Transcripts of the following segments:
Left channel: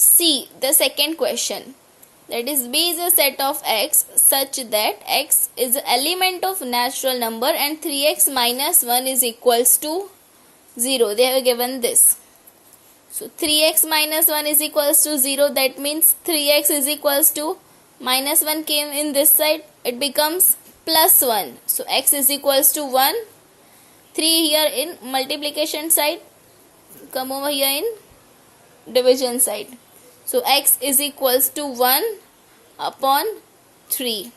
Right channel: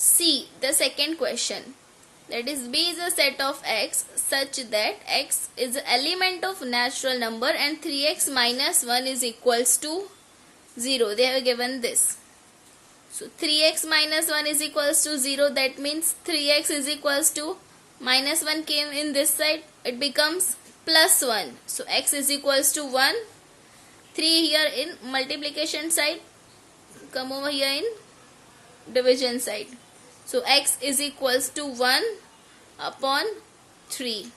See the second question. That is, B is a set of x such that x is an element of natural number and 3x minus 1 is equals to 0. They have given this. So 3x minus 1 is equals to 0. That means 3x is equals to minus 1 came in this side. It becomes plus 1. So x is equals to 1. 3 here in multiplication side. Come over here in division side. So x is equals to 1 upon 3.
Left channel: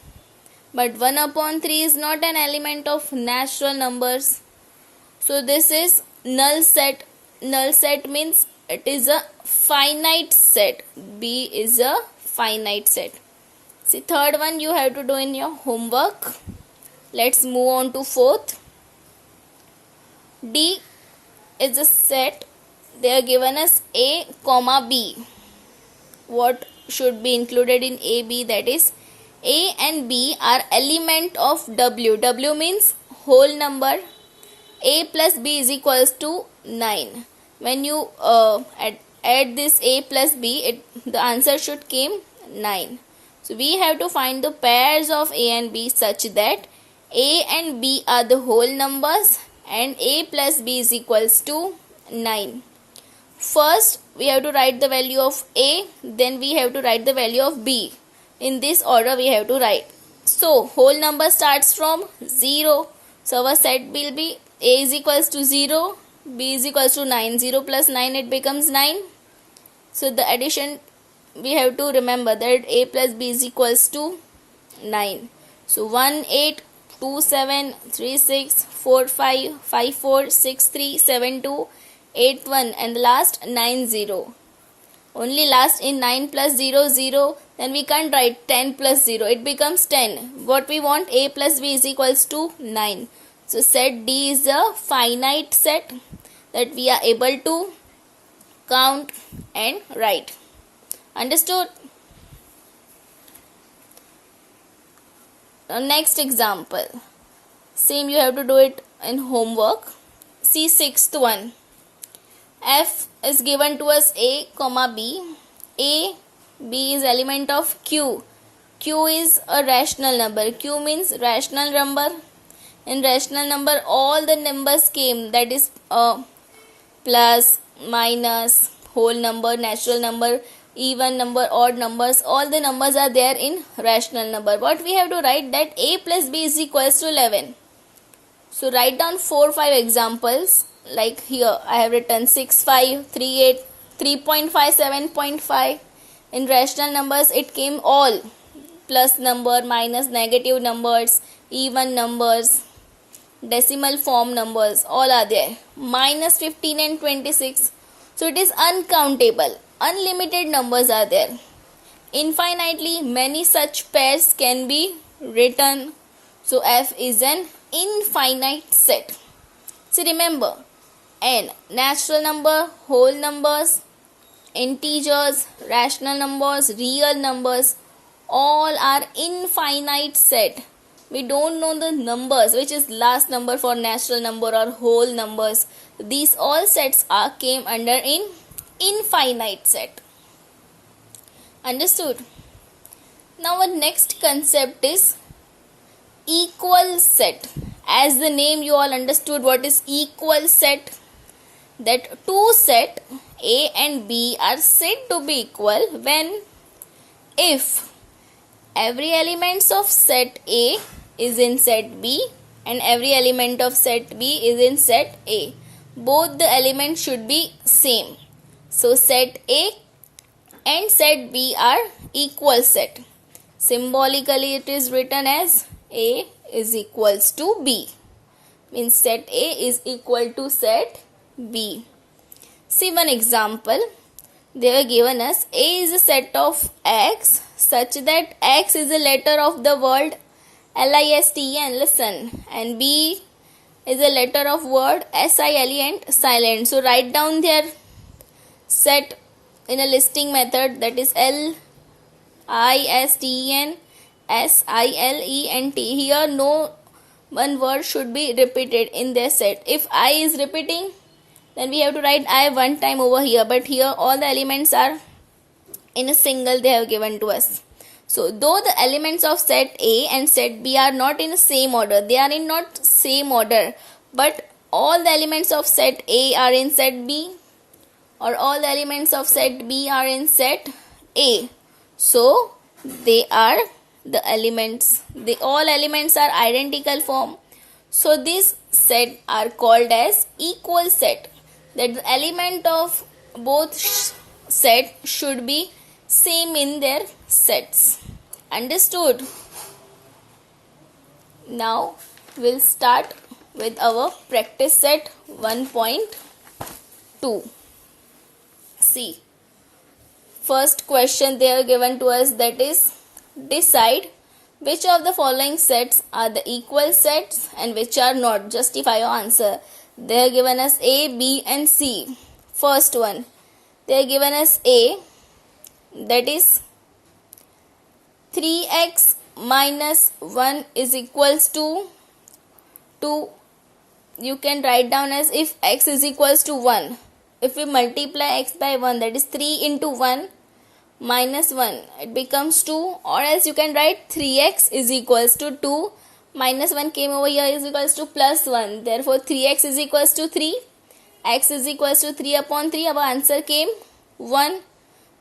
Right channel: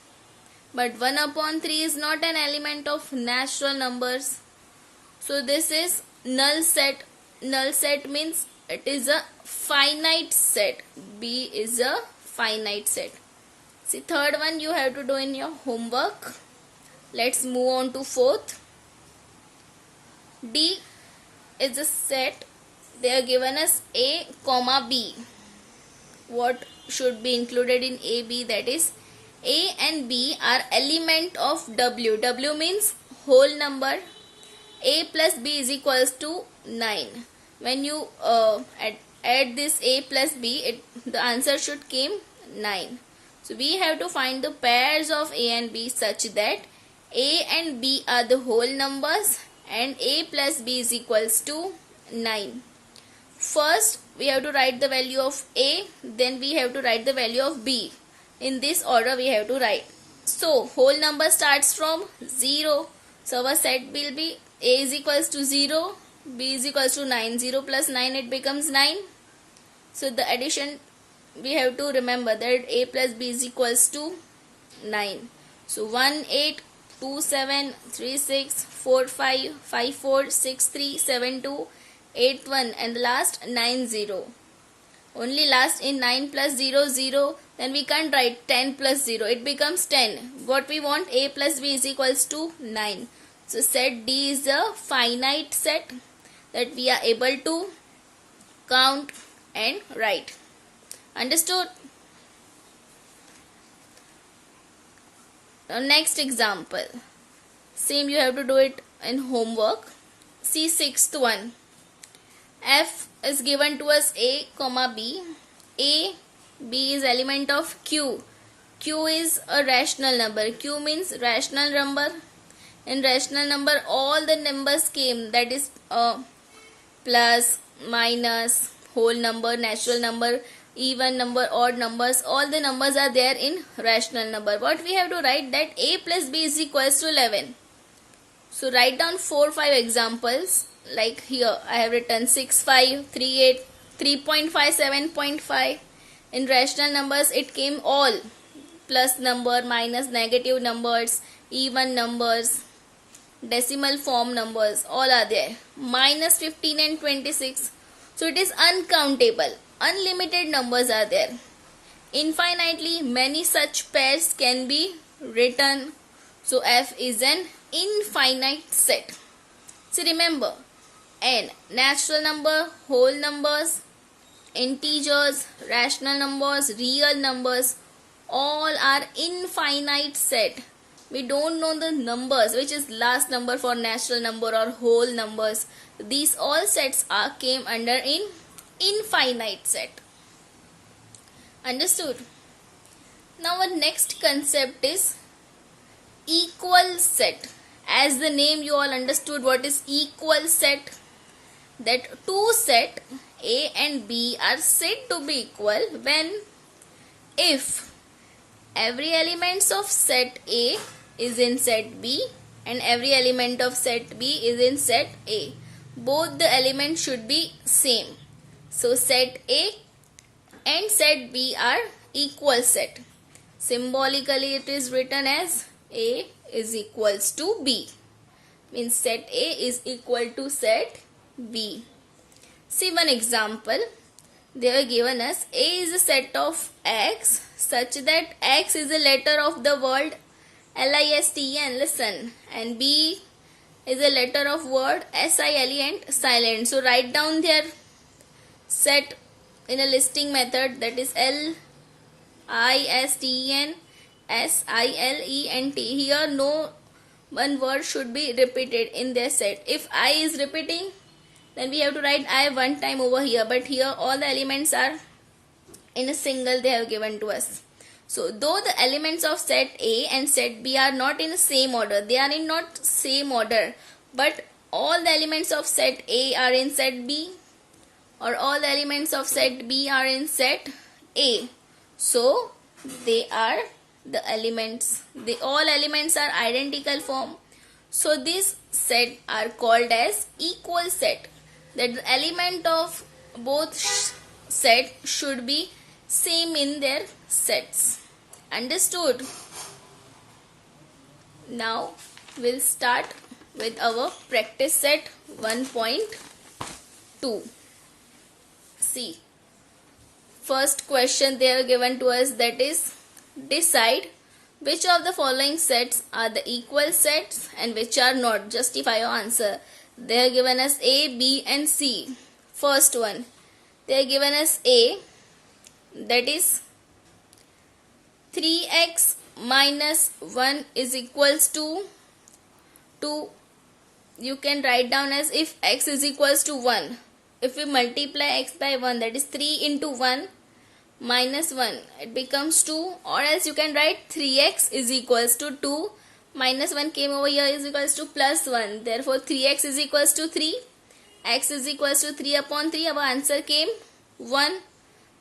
But 1 upon 3 is not an element of natural numbers. So this is null set. Null set means it is a finite set. B is a finite set. See, third one you have to do in your homework. Let's move on to fourth. D is a set. They are given us A, comma B. What should be included in A, B? That is, A and B are element of W. W means whole number. A plus B is equals to 9. When you add this A plus B, the answer should came 9. So we have to find the pairs of A and B such that A and B are the whole numbers and A plus B is equals to 9. First, we have to write the value of A, then we have to write the value of B. In this order, we have to write. So, whole number starts from 0. So, our set will be A is equals to 0, B is equals to 9. 0 plus 9, it becomes 9. So, the addition, we have to remember that A plus B is equals to 9. So, 1, 8, 2, 7, 3, 6, 4, 5, 5, 4, 6, 3, 7, 2, 8, 1 and the last 9, 0. Only last in 9 plus 0, 0. Then we can't write 10 plus 0. It becomes 10. What we want? A plus B is equals to 9. So set D is a finite set that we are able to count and write. Understood? Now next example. Same you have to do it in homework. See sixth one. F is given to us A, comma B. A, B is element of Q. Q is a rational number. Q means rational number. In rational number, all the numbers came. That is plus, minus, whole number, natural number, even number, odd numbers. All the numbers are there in rational number. What we have to write? That A plus B is equals to 11. So write down 4-5 examples. Like here I have written 6, 5, 3, 8, 3.5, 7.5. In rational numbers it came all. Plus number, minus, negative numbers, even numbers, decimal form numbers, all are there. Minus 15 and 26. So it is uncountable. Unlimited numbers are there. Infinitely many such pairs can be written. So F is an infinite set. So remember, N, natural number, whole numbers, integers, rational numbers, real numbers, all are infinite set. We don't know the numbers, which is last number for natural number or whole numbers. These all sets came under in infinite set. Understood? Now our next concept is equal set. As the name you all understood what is equal set. That two set A and B are said to be equal when if every element of set A is in set B and every element of set B is in set A. Both the elements should be same. So set A and set B are equal set. Symbolically it is written as A is equals to B. Means set A is equal to set B. See one example. They are given us A is a set of X such that X is a letter of the word LISTEN, listen, and B is a letter of word SILE and silent. So write down their set in a listing method, that is LISTEN SILENT. Here no one word should be repeated in their set. If I is repeating, then we have to write I one time over here, but here all the elements are in a single they have given to us. So though the elements of set A and set B are not in the same order, they are in not same order, but all the elements of set A are in set B, or all the elements of set B are in set A. So they are the elements, all elements are identical form. So these set are called as equal set, that the element of both set should be same in their sets. Understood? Now we'll start with our practice set 1.2. See, first question they are given to us, that is, decide which of the following sets are the equal sets and which are not. Justify your answer. They have given us A, B and C. First one, they have given us A, that is 3x minus 1 is equals to 2. You can write down as if x is equals to 1. If we multiply x by 1, that is 3 into 1 minus 1, it becomes 2, or else you can write 3x is equals to 2, minus 1 came over here is equals to plus 1, therefore 3x is equals to 3, x is equals to 3 upon 3, our answer came 1.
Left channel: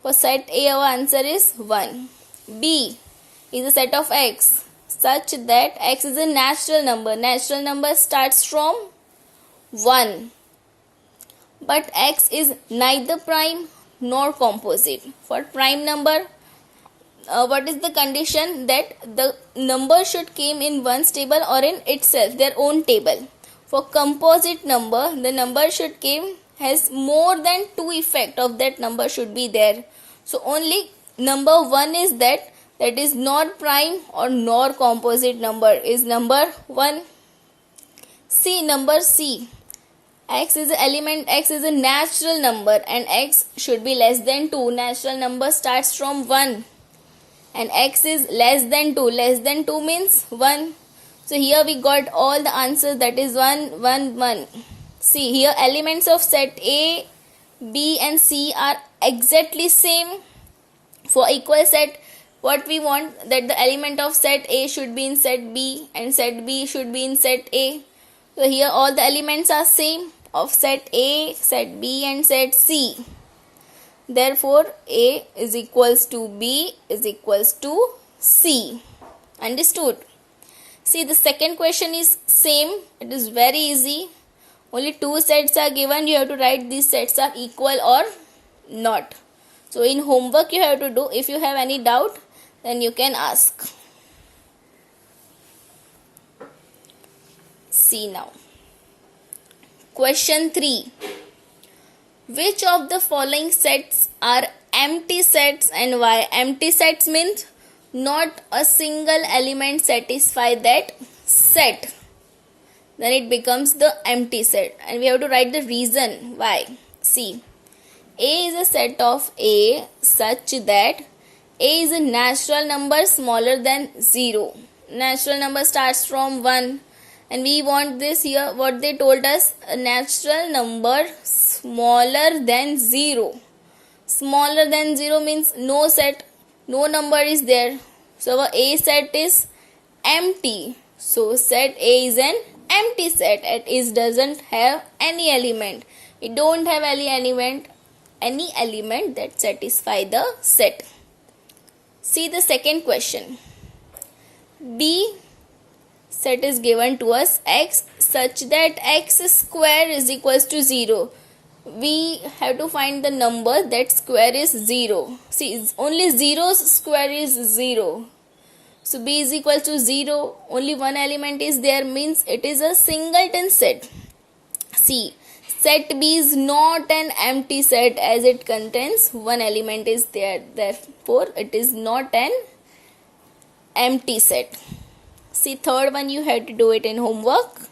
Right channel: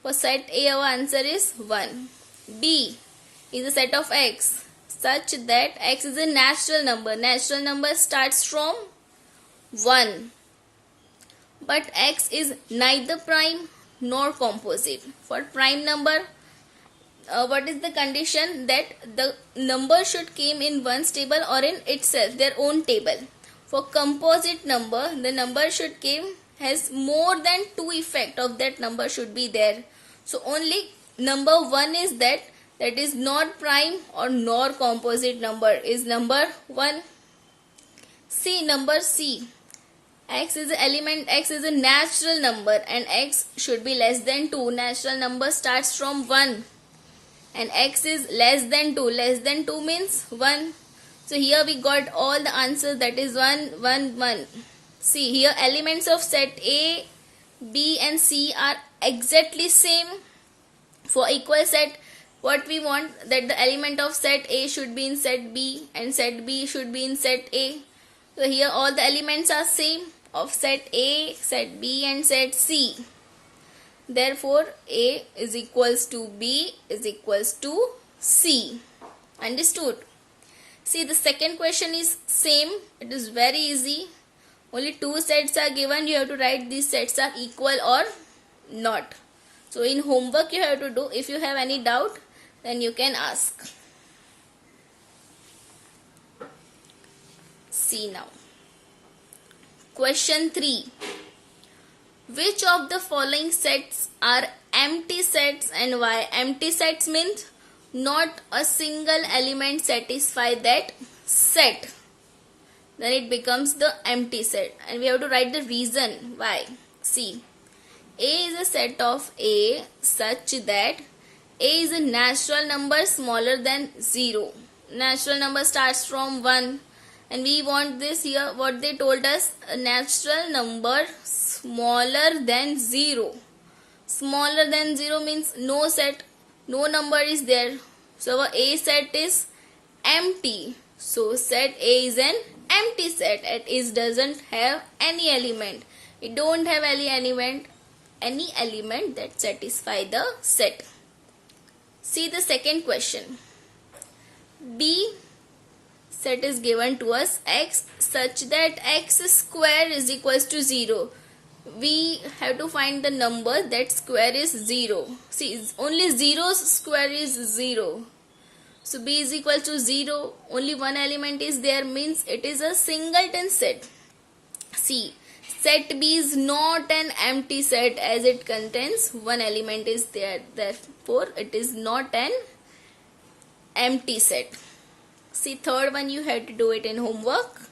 For set A our answer is 1. B is a set of x such that x is a natural number. Natural number starts from 1, but x is neither prime nor composite. For prime number, what is the condition? That the number should came in one's table or in itself, their own table. For composite number, the number should came has more than 2 effect of that number should be there. So only number 1 is that is not prime or nor composite number, is number 1. See, number C. X is an element, x is a natural number and x should be less than 2. Natural number starts from 1 and x is less than 2. Less than 2 means 1. So here we got all the answers, that is 1, 1, 1. See, here elements of set A, B and C are exactly same. For equal set, what we want, that the element of set A should be in set B and set B should be in set A. So here all the elements are same of set A, set B and set C. Therefore A is equals to B is equals to C. Understood? See, the second question is same. It is very easy. Only 2 sets are given. You have to write these sets are equal or not. So in homework you have to do. If you have any doubt, then you can ask. See now. Question 3. Which of the following sets are empty sets and why? Empty sets means not a single element satisfy that set. Then it becomes the empty set. And we have to write the reason why. See. A is a set of A such that A is a natural number smaller than 0. Natural number starts from 1. And we want this here, what they told us, a natural number smaller than 0. Smaller than 0 means no set, no number is there. So our A set is empty. So set A is an empty set. It doesn't have any element. It don't have any element that satisfy the set. See the second question. B set is given to us x such that x square is equals to 0. We have to find the number that square is 0. See, only 0's square is 0. So B is equal to 0. Only one element is there, means it is a singleton set. See, set B is not an empty set as it contains one element is there. Therefore, it is not an empty set. See, third one you have to do it in homework.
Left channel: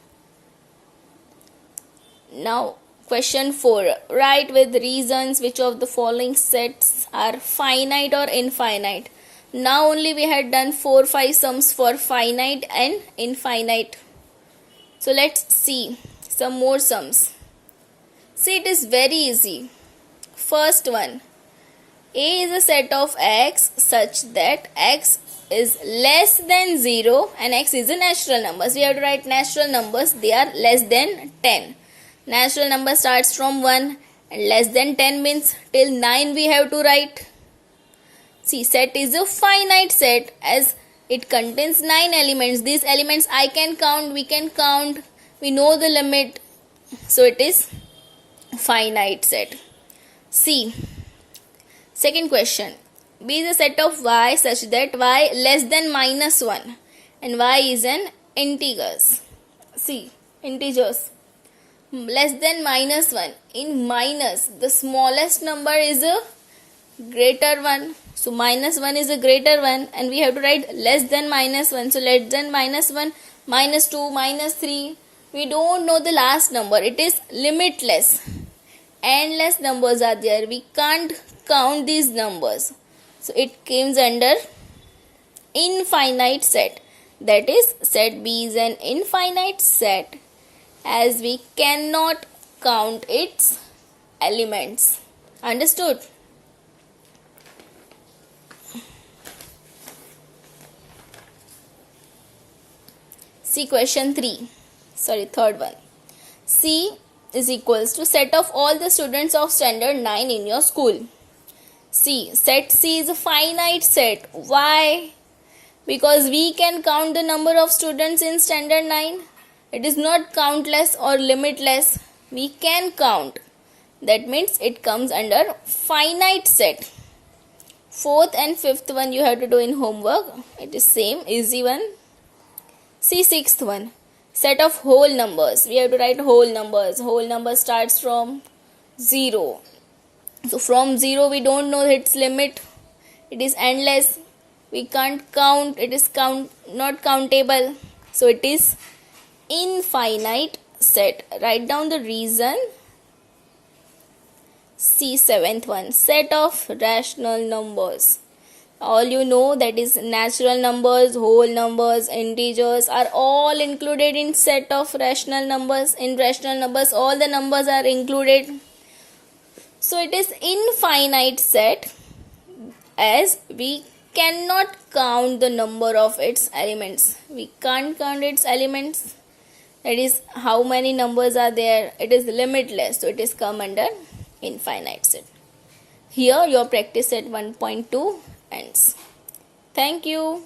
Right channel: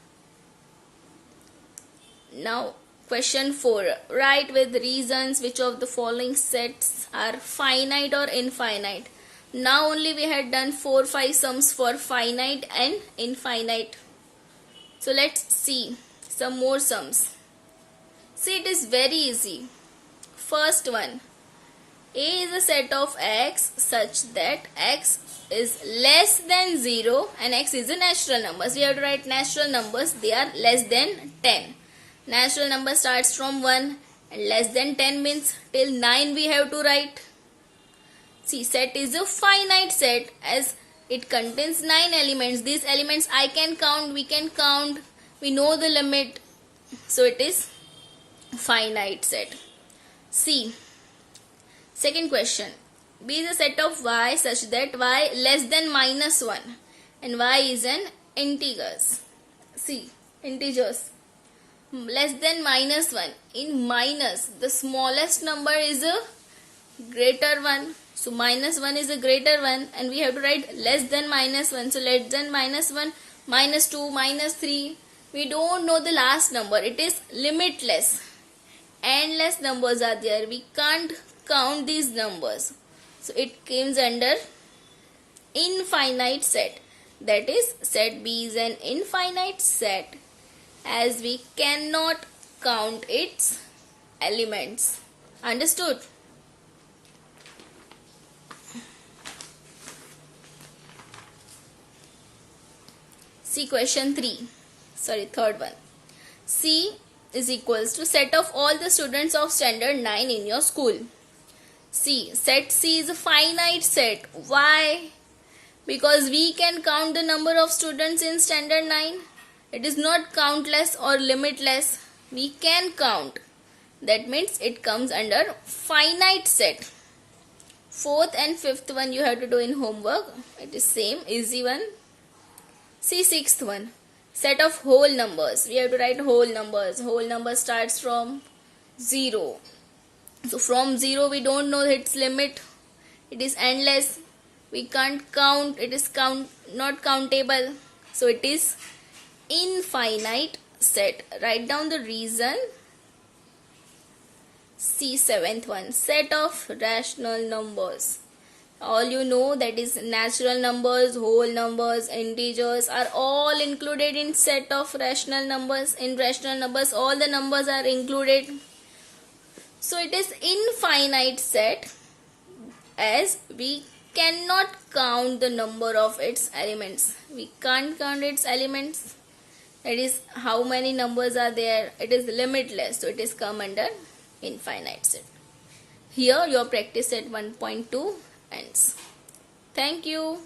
Now, question 4. Write with reasons which of the following sets are finite or infinite. Now only we had done 4-5 sums for finite and infinite. So let's see some more sums. See, it is very easy. First one. A is a set of x such that x is less than 0 and x is a natural number. So we have to write natural numbers. They are less than 10. Natural number starts from 1 and less than 10 means till 9 we have to write. See, set is a finite set as it contains 9 elements. These elements I can count, we can count, we know the limit. So it is finite set. C. Second question. B is a set of y such that y less than minus 1 and y is an integers. C. Integers. Less than minus 1. In minus, the smallest number is a greater one. So minus 1 is a greater one and we have to write less than minus 1. So less than minus 1, minus 2, minus 3. We don't know the last number. It is limitless. Endless numbers are there. We can't count these numbers. So it comes under infinite set. That is, set B is an infinite set as we cannot count its elements. Understood? See question 3. Third one. C is equals to set of all the students of standard 9 in your school. C. Set C is a finite set. Why? Because we can count the number of students in standard 9. It is not countless or limitless. We can count. That means it comes under finite set. Fourth and fifth one you have to do in homework. It is same, easy one. See sixth one. Set of whole numbers. We have to write whole numbers. Whole number starts from 0. So from 0 we don't know its limit. It is endless. We can't count. It is not countable. So it is infinite set. Write down the reason. See seventh one. Set of rational numbers. All you know, that is natural numbers, whole numbers, integers are all included in set of rational numbers. In rational numbers all the numbers are included. So it is infinite set as we cannot count the number of its elements. We can't count its elements. That is how many numbers are there. It is limitless. So it is come under infinite set. Here your practice set 1.2 ends. Thank you.